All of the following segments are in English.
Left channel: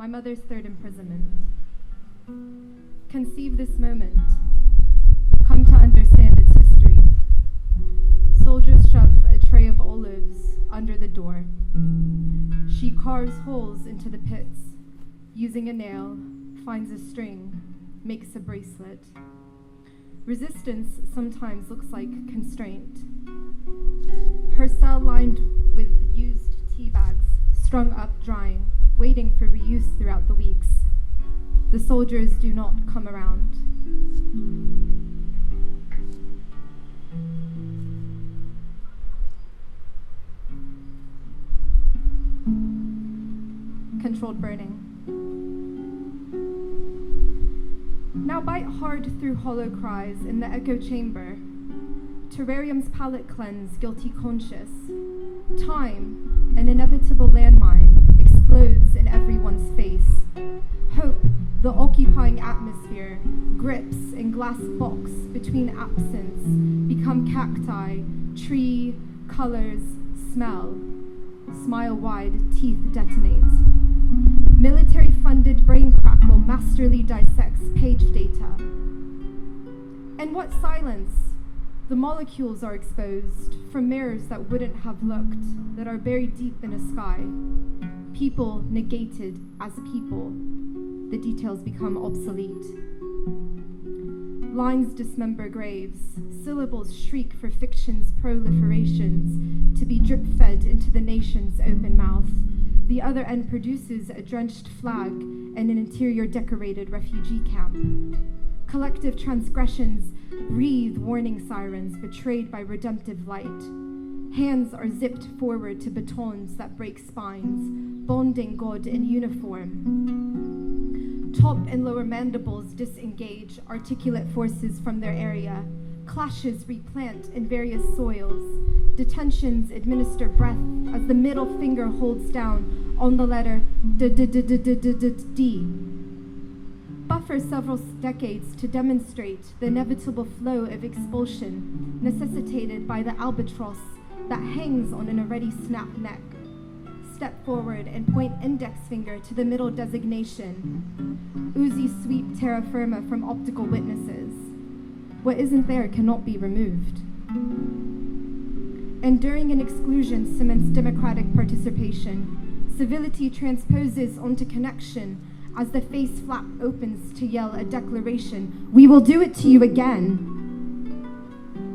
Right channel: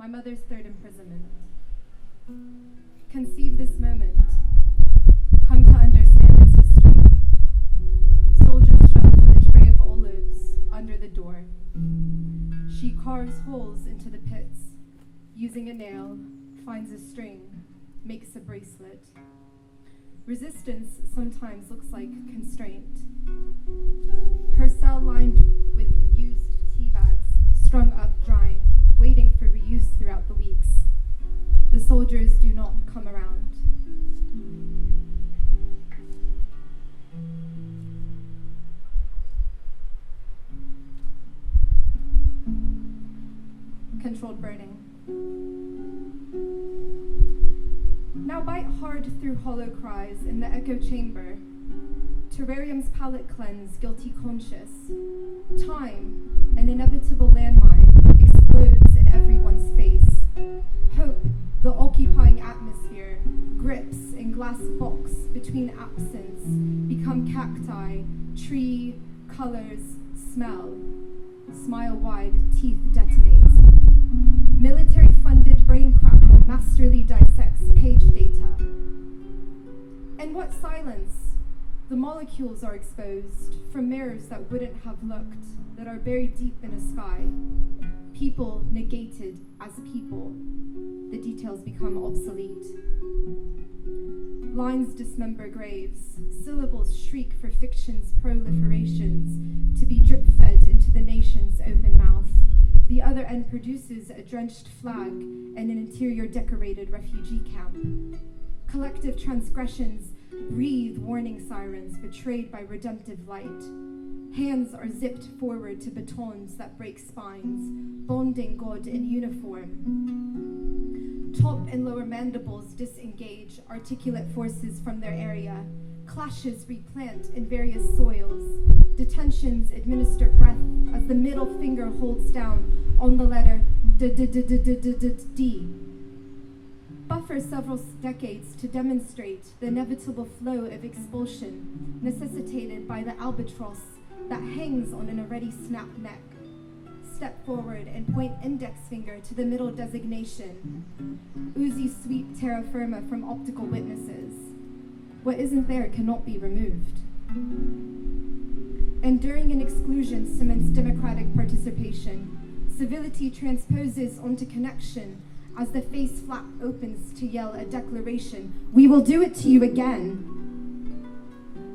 my mother's third imprisonment. Conceive this moment. Come to understand its history. Soldiers shove a tray of olives under the door. She carves holes into the pits. Using a nail, finds a string, makes a bracelet. Resistance sometimes looks like constraint. Her cell lined with used tea bags, strung up drying, waiting for reuse throughout the weeks. The soldiers do not come around. Controlled burning. Now bite hard through hollow cries in the echo chamber. Terrarium's palate cleanse, guilty conscious. Time, an inevitable landmine, explodes in everyone's face. Hope, the occupying atmosphere, grips in glass box between absence, become cacti, tree, colors, smell. Smile wide, teeth detonate. Military-funded brain crackle masterly dissects page data. And what silence? The molecules are exposed from mirrors that wouldn't have looked, that are buried deep in a sky. People negated as people. The details become obsolete. Lines dismember graves. Syllables shriek for fiction's proliferations to be drip-fed into the nation's open mouth. The other end produces a drenched flag and an interior decorated refugee camp. Collective transgressions breathe warning sirens betrayed by redemptive light. Hands are zipped forward to batons that break spines, bonding God in uniform. Top and lower mandibles disengage articulate forces from their area. Clashes replant in various soils. Detentions administer breath as the middle finger holds down on the letter D. Buffer several decades to demonstrate the inevitable flow of expulsion necessitated by the albatross that hangs on an already snapped neck. Step forward and point index finger to the middle designation. Uzi sweep terra firma from optical witnesses. What isn't there cannot be removed. Enduring an exclusion cements democratic participation. Civility transposes onto connection as the face flap opens to yell a declaration. We will do it to you again.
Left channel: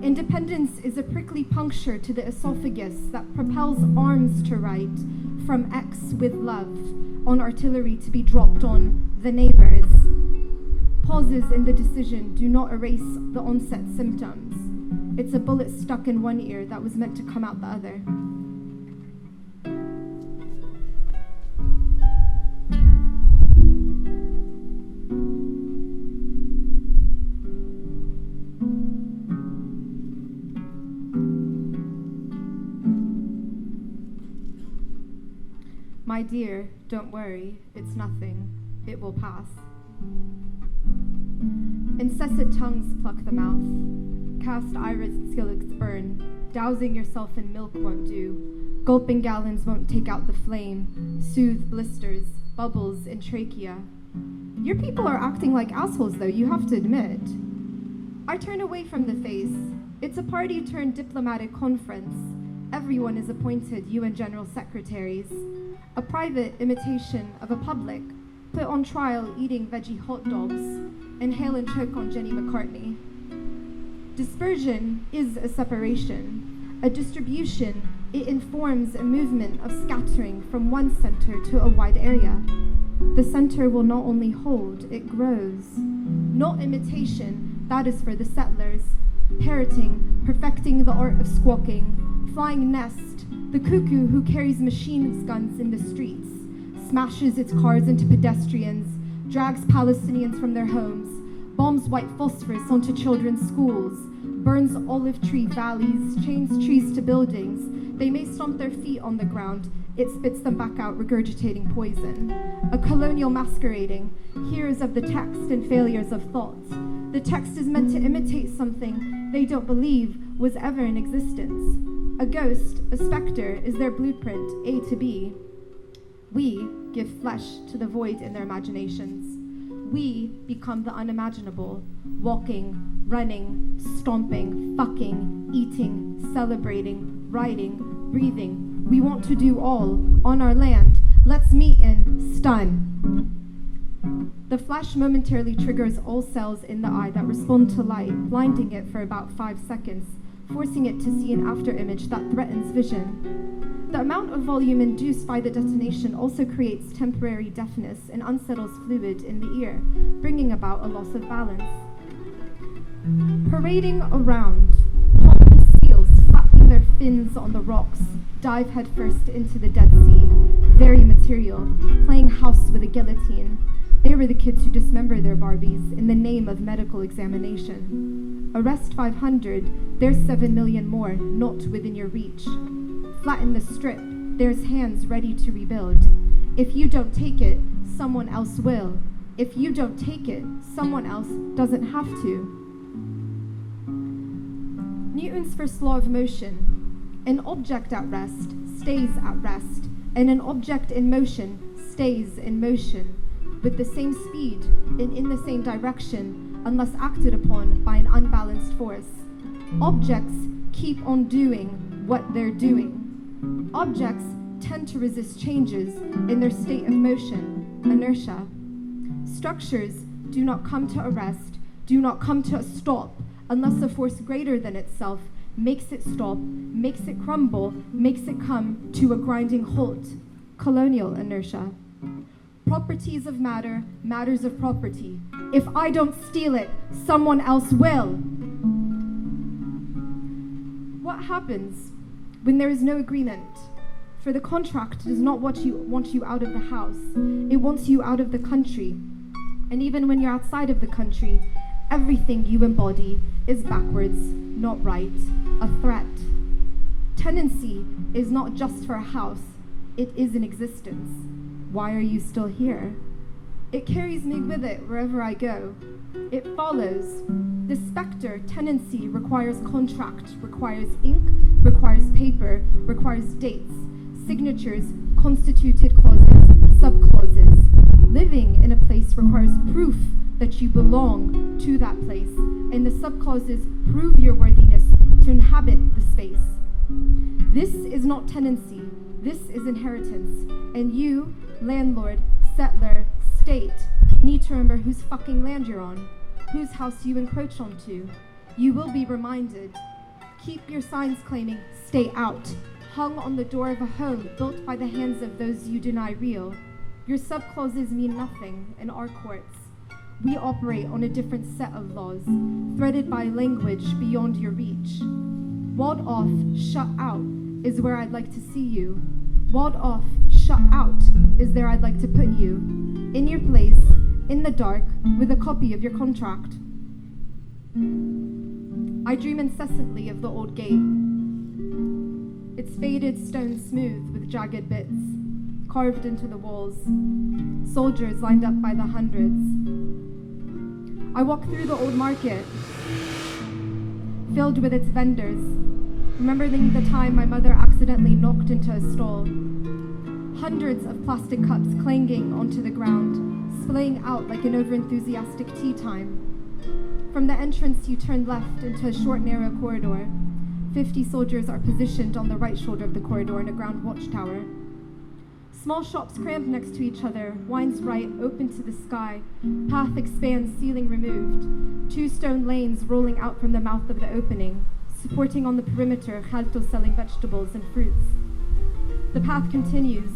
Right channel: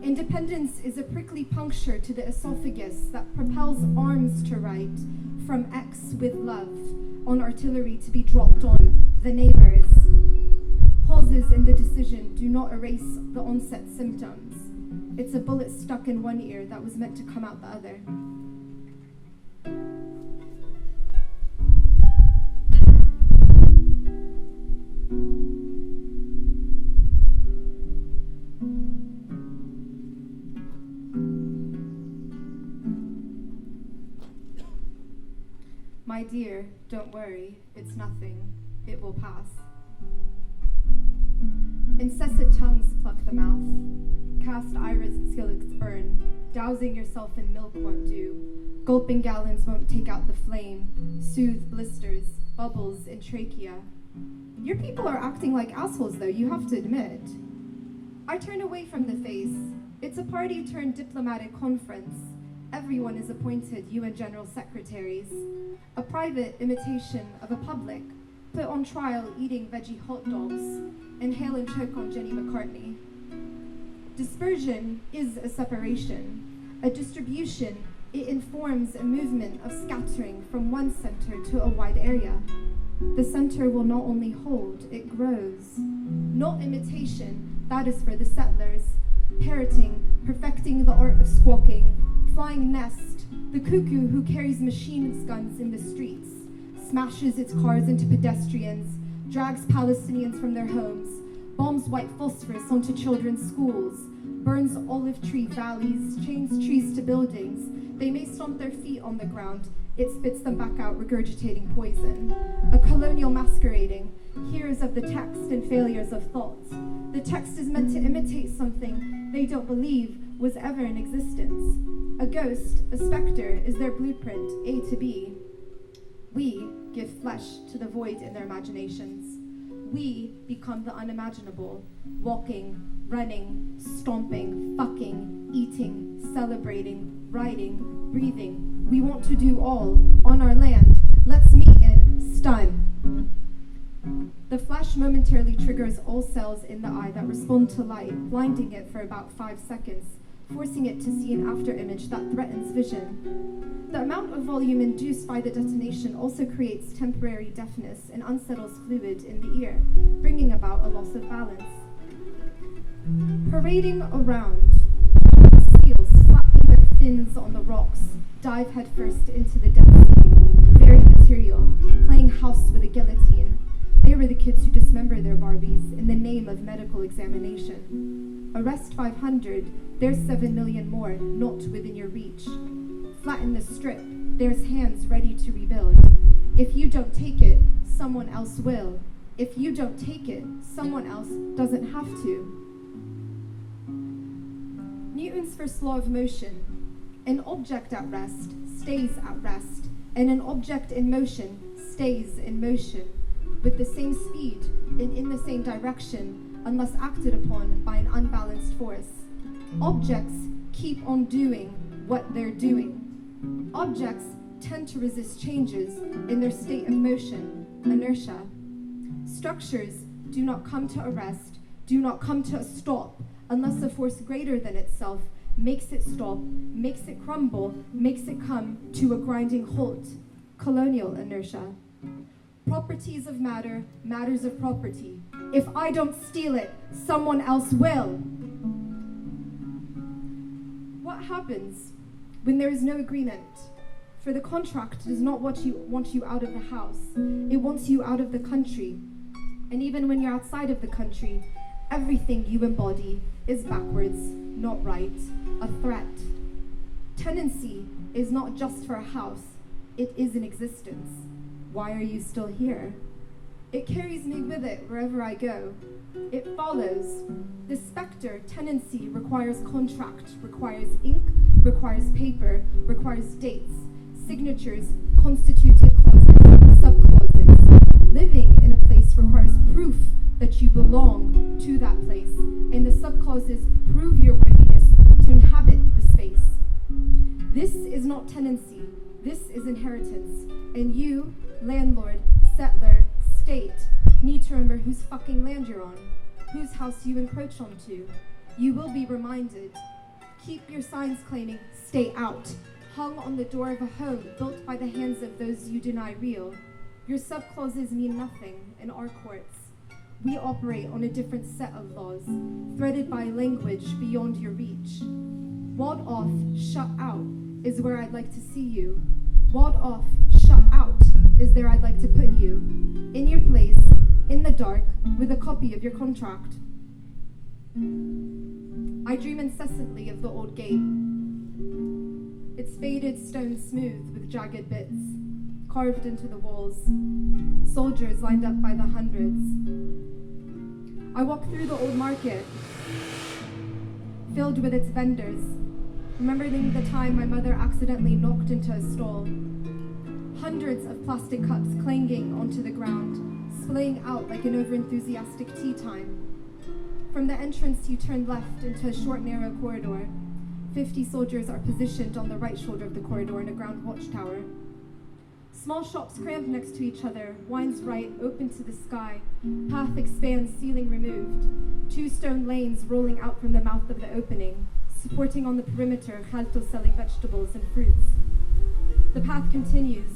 Independence is a prickly puncture to the esophagus that propels arms to right from X with love on artillery to be dropped on the neighbors. Pauses in the decision do not erase the onset symptoms. It's a bullet stuck in one ear that was meant to come out the other. My dear, don't worry, it's nothing. It will pass. Incessant tongues pluck the mouth. Cast iris skillets burn. Dousing yourself in milk won't do. Gulping gallons won't take out the flame. Soothe blisters, bubbles in trachea. Your people are acting like assholes, though, you have to admit. I turn away from the face. It's a party-turned-diplomatic conference. Everyone is appointed UN General Secretaries. A private imitation of a public put on trial eating veggie hot dogs, inhale and choke on Jenny McCartney. Dispersion is a separation. A distribution, it informs a movement of scattering from one center to a wide area. The center will not only hold, it grows. Not imitation, that is for the settlers. Parroting, perfecting the art of squawking. Flying nest, the cuckoo who carries machine guns in the streets, smashes its cars into pedestrians, drags Palestinians from their homes, bombs white phosphorus onto children's schools, burns olive tree valleys, chains trees to buildings. They may stomp their feet on the ground, it spits them back out, regurgitating poison. A colonial masquerading, hearers of the text and failures of thought. The text is meant to imitate something they don't believe was ever in existence. A ghost, a specter, is their blueprint, A to B. We, give flesh to the void in their imaginations. We become the unimaginable, walking, running, stomping, fucking, eating, celebrating, riding, breathing. We want to do all on our land. Let's meet in stun. The flash momentarily triggers all cells in the eye that respond to light, blinding it for about 5 seconds, forcing it to see an afterimage that threatens vision. The amount of volume induced by the detonation also creates temporary deafness and unsettles fluid in the ear, bringing about a loss of balance. Parading around, seals flapping their fins on the rocks, dive headfirst into the Dead Sea, very material, playing house with a guillotine. They were the kids who dismember their Barbies in the name of medical examination. Arrest 500, there's 7 million more, not within your reach. Flatten the strip, there's hands ready to rebuild. If you don't take it, someone else will. If you don't take it, someone else doesn't have to. Newton's first law of motion. An object at rest stays at rest, and an object in motion stays in motion, with the same speed and in the same direction, unless acted upon by an unbalanced force. Objects keep on doing what they're doing. Objects tend to resist changes in their state of motion, inertia. Structures do not come to a rest, do not come to a stop, unless a force greater than itself makes it stop, makes it crumble, makes it come to a grinding halt. Colonial inertia. Properties of matter, matters of property. If I don't steal it, someone else will. What happens when there is no agreement? For the contract does not want you out of the house. It wants you out of the country. And even when you're outside of the country, everything you embody is backwards, not right, a threat. Tenancy is not just for a house, it is an existence. Why are you still here? It carries me with it wherever I go. It follows. The specter, tenancy, requires contract, requires ink, requires paper, requires dates, signatures, constituted clauses, subclauses. Living in a place requires proof that you belong to that place, and the subclauses prove your worthiness to inhabit the space. This is not tenancy, this is inheritance, and you, landlord, settler, state, need to remember whose fucking land you're on, whose house you encroach onto. You will be reminded. Keep your signs claiming, stay out, hung on the door of a home built by the hands of those you deny real. Your subclauses mean nothing in our courts. We operate on a different set of laws, threaded by language beyond your reach. Walled off, shut out, is where I'd like to see you. Walled off, shut out, is there I'd like to put you. In your place, in the dark, with a copy of your contract. I dream incessantly of the old gate. Its faded stone smooth with jagged bits, carved into the walls, soldiers lined up by the hundreds. I walk through the old market, filled with its vendors, remembering the time my mother accidentally knocked into a stall. Hundreds of plastic cups clanging onto the ground, splaying out like an overenthusiastic tea time. From the entrance, you turn left into a short, narrow corridor. 50 soldiers are positioned on the right shoulder of the corridor in a ground watchtower. Small shops crammed next to each other, wines right, open to the sky. Path expands, ceiling removed. 2 stone lanes rolling out from the mouth of the opening, supporting on the perimeter Khalto selling vegetables and fruits. The path continues,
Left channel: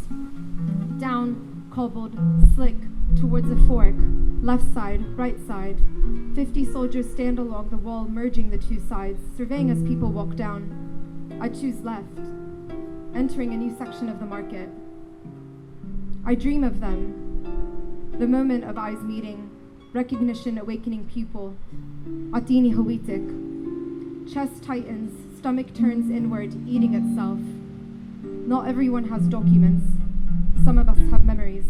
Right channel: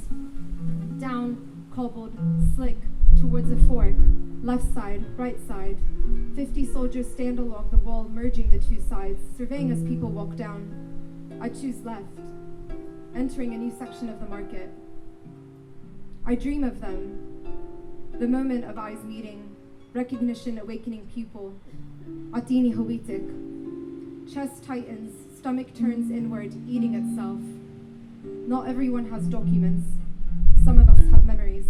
down, cobbled, slick, towards a fork, left side, right side. 50 soldiers stand along the wall, merging the 2 sides, surveying as people walk down. I choose left, entering a new section of the market. I dream of them, the moment of eyes meeting, recognition awakening pupil, atini hawitik. Chest tightens, stomach turns inward, eating itself. Not everyone has documents. Some of us have memories.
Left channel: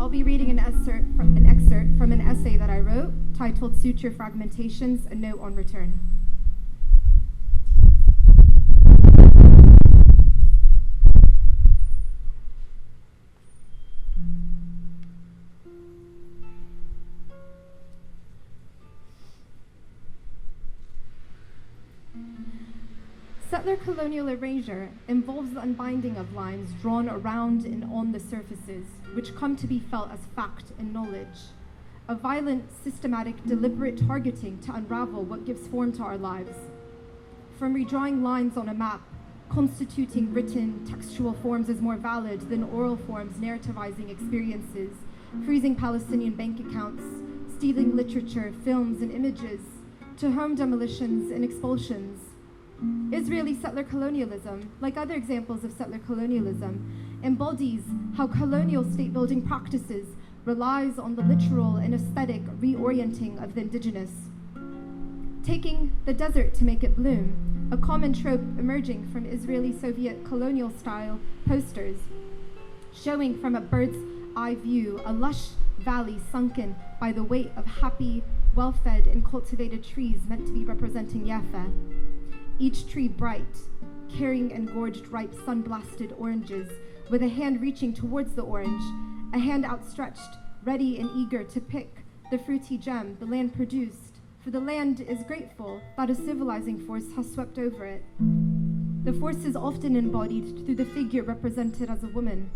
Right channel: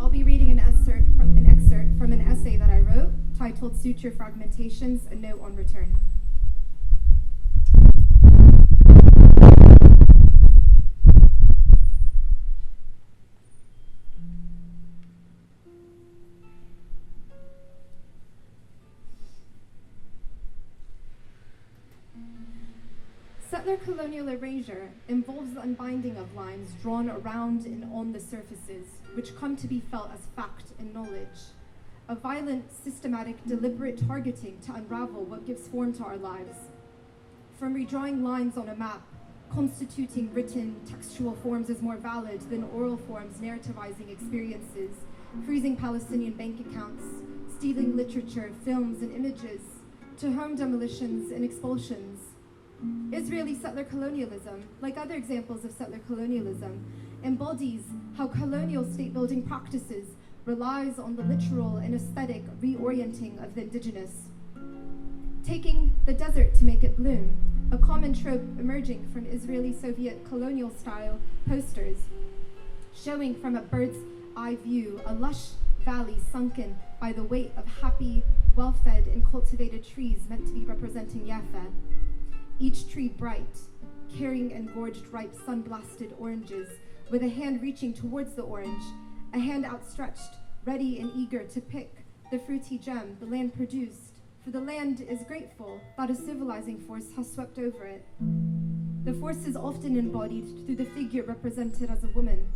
I'll be reading an excerpt from an essay that I wrote titled Suture Fragmentations, A Note on Return. Settler colonial erasure involves the unbinding of lines drawn around and on the surfaces, which come to be felt as fact and knowledge. A violent, systematic, deliberate targeting to unravel what gives form to our lives. From redrawing lines on a map, constituting written, textual forms as more valid than oral forms narrativizing experiences, freezing Palestinian bank accounts, stealing literature, films, and images, to home demolitions and expulsions. Israeli settler colonialism, like other examples of settler colonialism, embodies how colonial state-building practices relies on the literal and aesthetic reorienting of the indigenous. Taking the desert to make it bloom, a common trope emerging from Israeli Soviet colonial-style posters, showing from a bird's eye view a lush valley sunken by the weight of happy, well-fed and cultivated trees meant to be representing Yafa. Each tree bright, carrying engorged ripe sun-blasted oranges, with a hand reaching towards the orange, a hand outstretched, ready and eager to pick the fruity gem the land produced, for the land is grateful that a civilizing force has swept over it. The force is often embodied through the figure represented as a woman,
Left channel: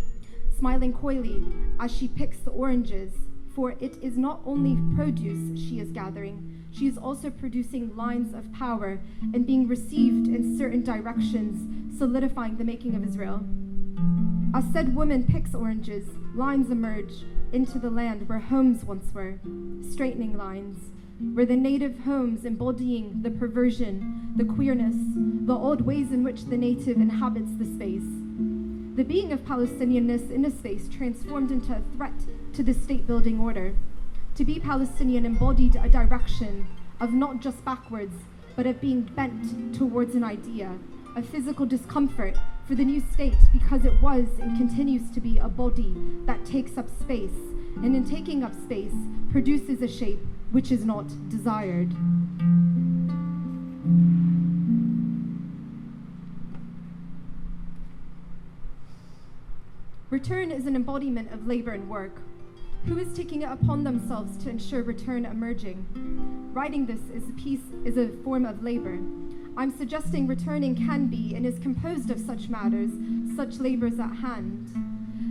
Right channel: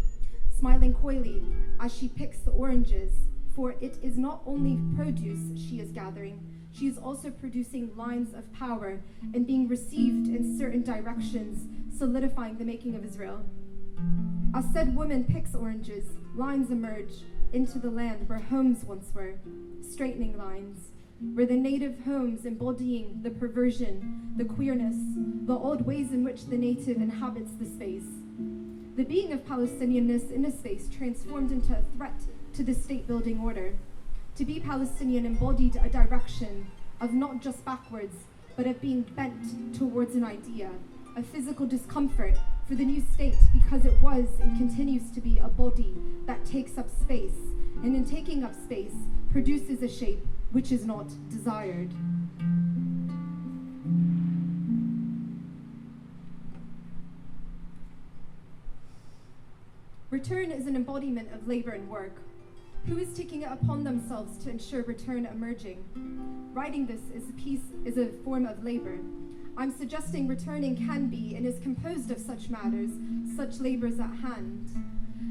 smiling coyly as she picks the oranges, for it is not only produce she is gathering, she is also producing lines of power and being received in certain directions, solidifying the making of Israel. As said woman picks oranges, lines emerge into the land where homes once were, straightening lines, where the native homes embodying the perversion, the queerness, the odd ways in which the native inhabits the space. The being of Palestinianness in a space transformed into a threat to the state-building order. To be Palestinian embodied a direction of not just backwards, but of being bent towards an idea, a physical discomfort for the new state because it was and continues to be a body that takes up space, and in taking up space, produces a shape which is not desired. Return is an embodiment of labor and work. Who is taking it upon themselves to ensure return emerging? Writing this is a form of labor. I'm suggesting returning can be and is composed of such matters, such labors at hand.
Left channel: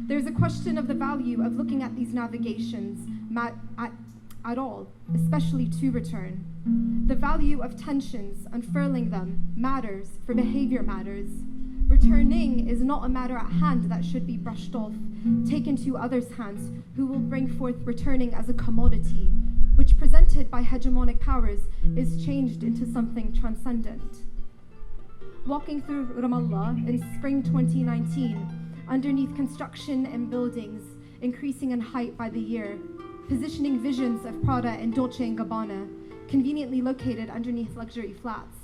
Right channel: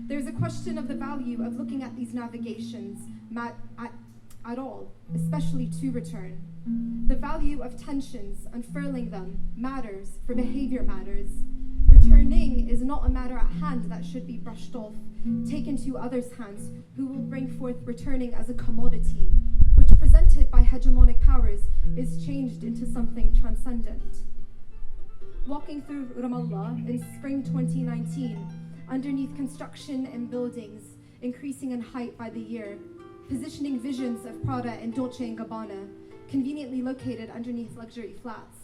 There's a question of the value of looking at these navigations at all, especially to return. The value of tensions, unfurling them, matters, for behavior matters. Returning is not a matter at hand that should be brushed off, taken to others' hands, who will bring forth returning as a commodity, which presented by hegemonic powers is changed into something transcendent. Walking through Ramallah in spring 2019, underneath construction and buildings, increasing in height by the year, positioning visions of Prada and Dolce & Gabbana, conveniently located underneath luxury flats.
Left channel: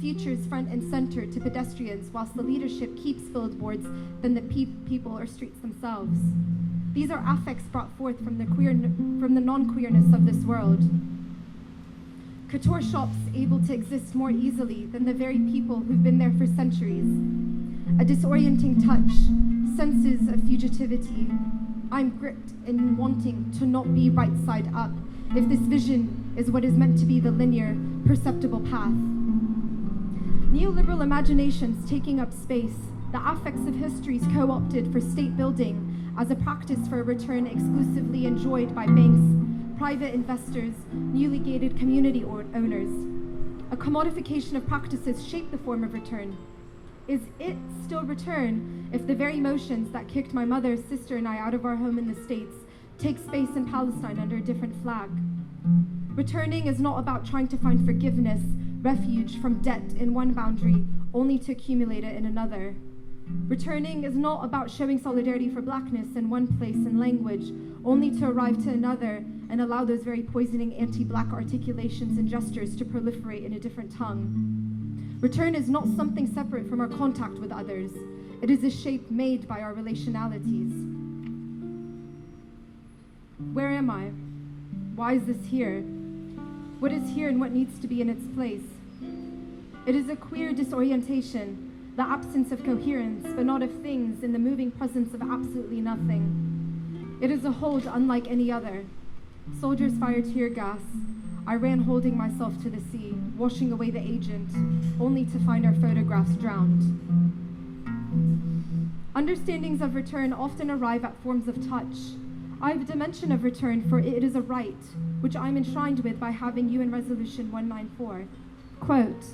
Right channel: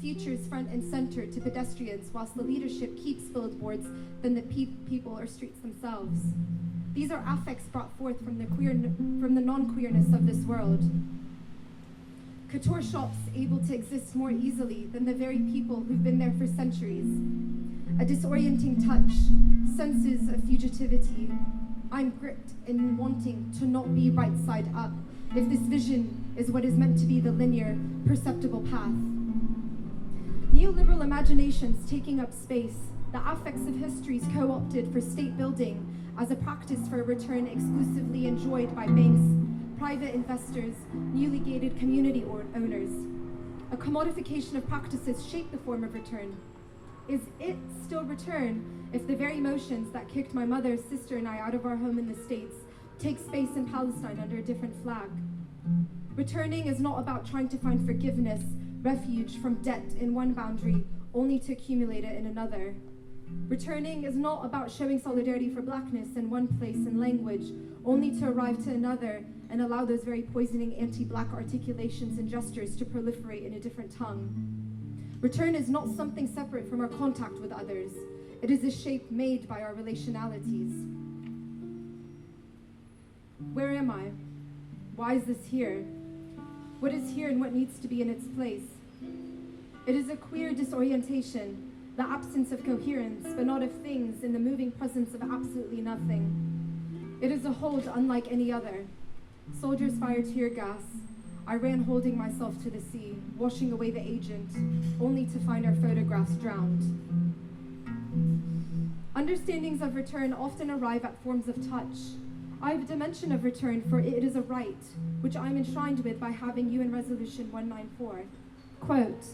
Futures front and center to pedestrians whilst the leadership keeps billboards than the people or streets themselves. These are affects brought forth from the non-queerness of this world. Couture shops able to exist more easily than the very people who've been there for centuries. A disorienting touch, senses of fugitivity. I'm gripped in wanting to not be right side up if this vision is what is meant to be the linear, perceptible path. Neoliberal imaginations taking up space, the affects of histories co-opted for state building as a practice for a return exclusively enjoyed by banks, private investors, newly gated community owners. A commodification of practices shape the form of return. Is it still return if the very motions that kicked my mother, sister, and I out of our home in the States take space in Palestine under a different flag? Returning is not about trying to find forgiveness, refuge from debt in one boundary, only to accumulate it in another. Returning is not about showing solidarity for blackness in one place and language, only to arrive to another and allow those very poisoning anti-black articulations and gestures to proliferate in a different tongue. Return is not something separate from our contact with others. It is a shape made by our relationalities. Where am I? Why is this here? What is here and what needs to be in its place? It is a queer disorientation, the absence of coherence, but not of things, in the moving presence of absolutely nothing. It is a hold unlike any other. Soldiers fire tear gas. I ran holding myself to the sea, washing away the agent, only to find our photographs drowned. Understandings of return often arrive at forms of touch. I have a dimension of return, for it is a right, which I am enshrined with by having UN Resolution 194. Quote,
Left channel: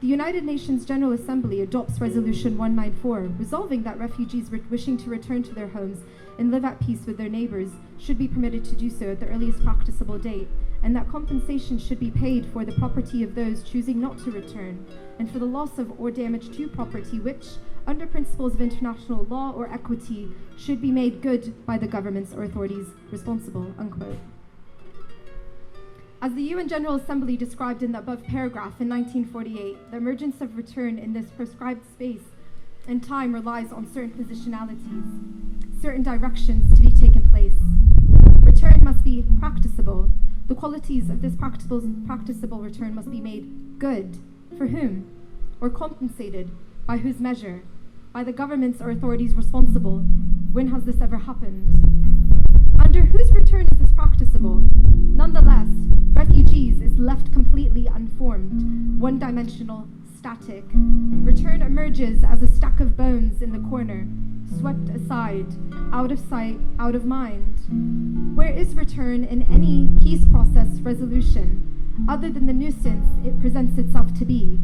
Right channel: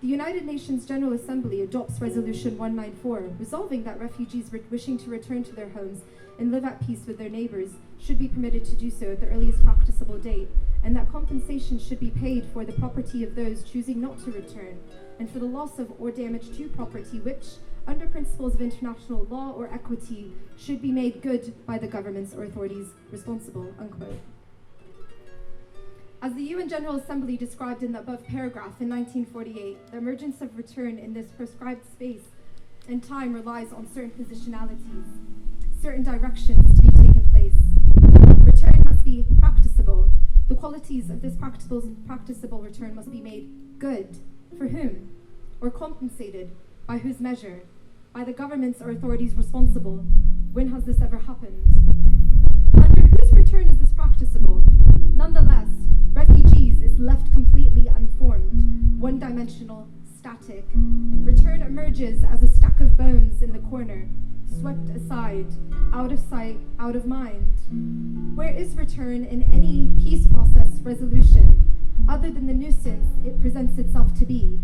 the United Nations General Assembly adopts Resolution 194, resolving that refugees wishing to return to their homes and live at peace with their neighbors should be permitted to do so at the earliest practicable date, and that compensation should be paid for the property of those choosing not to return, and for the loss of or damage to property which, under principles of international law or equity, should be made good by the governments or authorities responsible, unquote. As the UN General Assembly described in the above paragraph in 1948, the emergence of return in this prescribed space and time relies on certain positionalities, certain directions to be taken place. Return must be practicable. The qualities of this practicable return must be made good. For whom? Or compensated? By whose measure? By the governments or authorities responsible. When has this ever happened? Under whose return is this practicable? Nonetheless, refugees is left completely unformed, one-dimensional, static. Return emerges as a stack of bones in the corner, swept aside, out of sight, out of mind. Where is return in any peace process resolution, other than the nuisance it presents itself to be?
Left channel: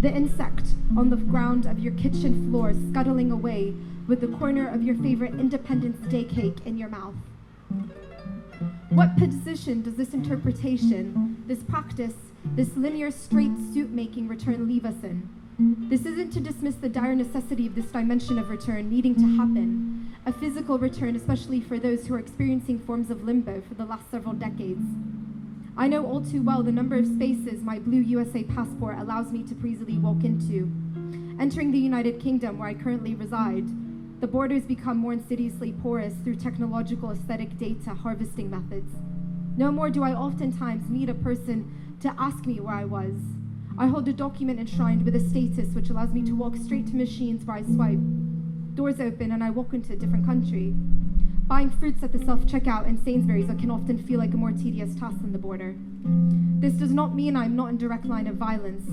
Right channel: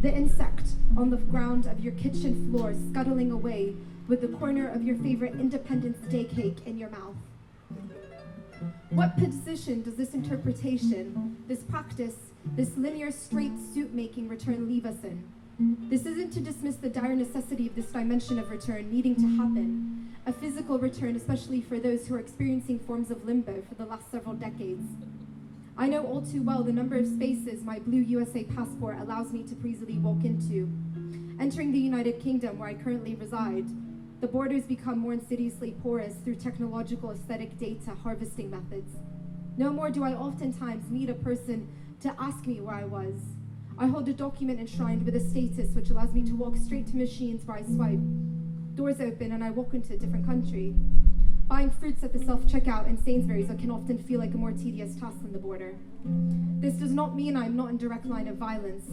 The insect on the ground of your kitchen floor scuttling away with the corner of your favorite Independence Day cake in your mouth. What position does this interpretation, this practice, this linear straight suit-making return leave us in? This isn't to dismiss the dire necessity of this dimension of return needing to happen, a physical return, especially for those who are experiencing forms of limbo for the last several decades. I know all too well the number of spaces my blue USA passport allows me to breezily walk into. Entering the United Kingdom, where I currently reside, the borders become more insidiously porous through technological aesthetic data harvesting methods. No more do I oftentimes meet a person to ask me where I was. I hold a document enshrined with a status which allows me to walk straight to machines where I swipe. Doors open and I walk into a different country. Buying fruits at the self-checkout in Sainsbury's can often feel like a more tedious task than the border. This does not mean I'm not in direct line of violence.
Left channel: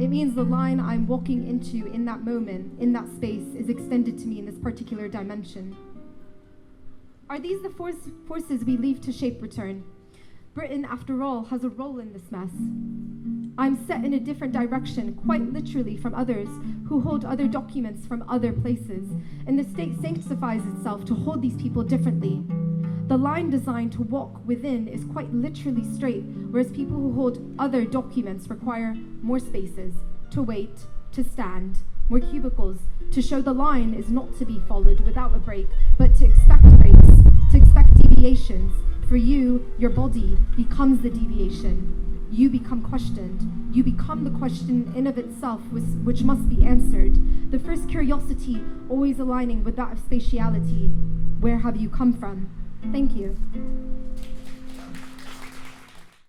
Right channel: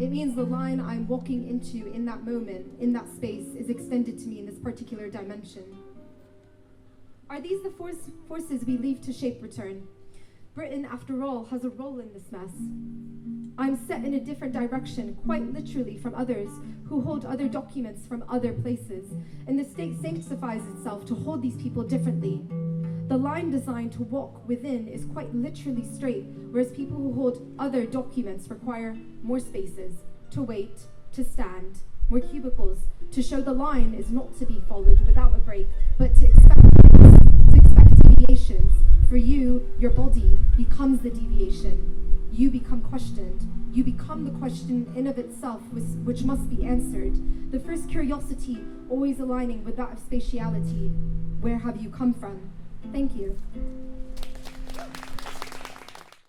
It means the line I'm walking into in that moment, in that space, is extended to me in this particular dimension. Are these the forces we leave to shape return? Britain, after all, has a role in this mess. I'm set in a different direction, quite literally from others who hold other documents from other places, and the state sanctifies itself to hold these people differently. The line designed to walk within is quite literally straight, whereas people who hold other documents require more spaces, to wait, to stand, more cubicles, to show the line is not to be followed without a break, but to expect breaks, to expect deviations. For you, your body becomes the deviation. You become questioned. You become the question in of itself, which must be answered. The first curiosity always aligning with that of spatiality. Where have you come from? Thank you.